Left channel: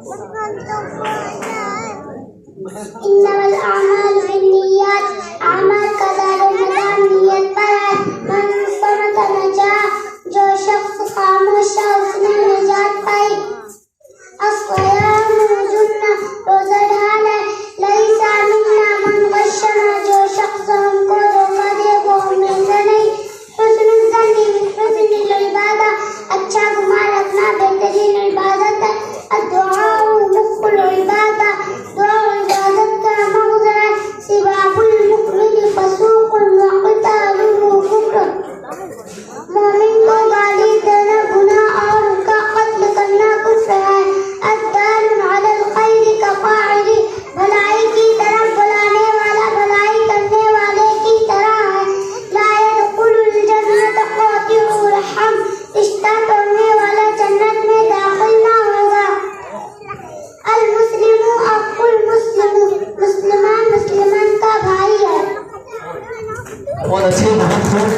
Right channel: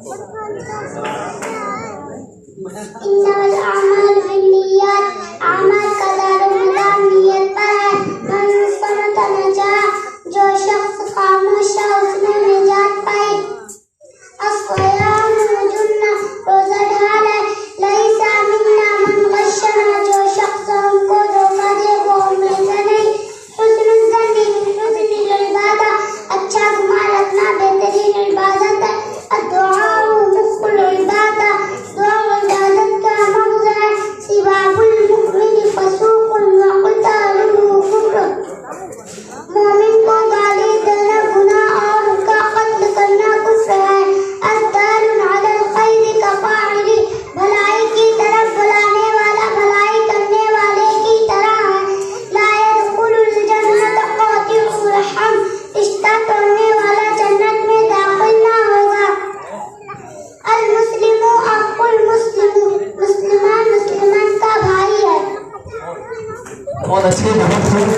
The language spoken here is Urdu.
إنما الأعمال بالنيات اعمال کا دار و مدار نیت پر ہے من صمت نجا جو شخص خاموش ہے اس نے نجات پائی الصیام جنہ روزہ ڈھال ہے لیس منا من غشنا جو شخص ہم کو دھوکہ دے وہ ہم میں سے نہیں حسن الظن من حسن العبادہ اچھا گمان رکھنا بہترین عبادت ہے الدعاء مخ العبادہ دعا عبادت کا مغز ہے سباب المؤمن فسوق وقتاله كفر مومن کو گالی دینا گناہ اور ان کا قتل کرنا کفر ہے الدال علی الخیر کفاعل بھلائی کی طرف بلانے والا بھلائی کرنے والے کی طرح ہے لا يدخل الجنة قاطع الرحم رشتہ توڑنے والا جنت میں داخل نہ ہوگا المسلم اخو المسلم مسلمان مسلمان کا بھائی ہے بہت اچھی بہت خوب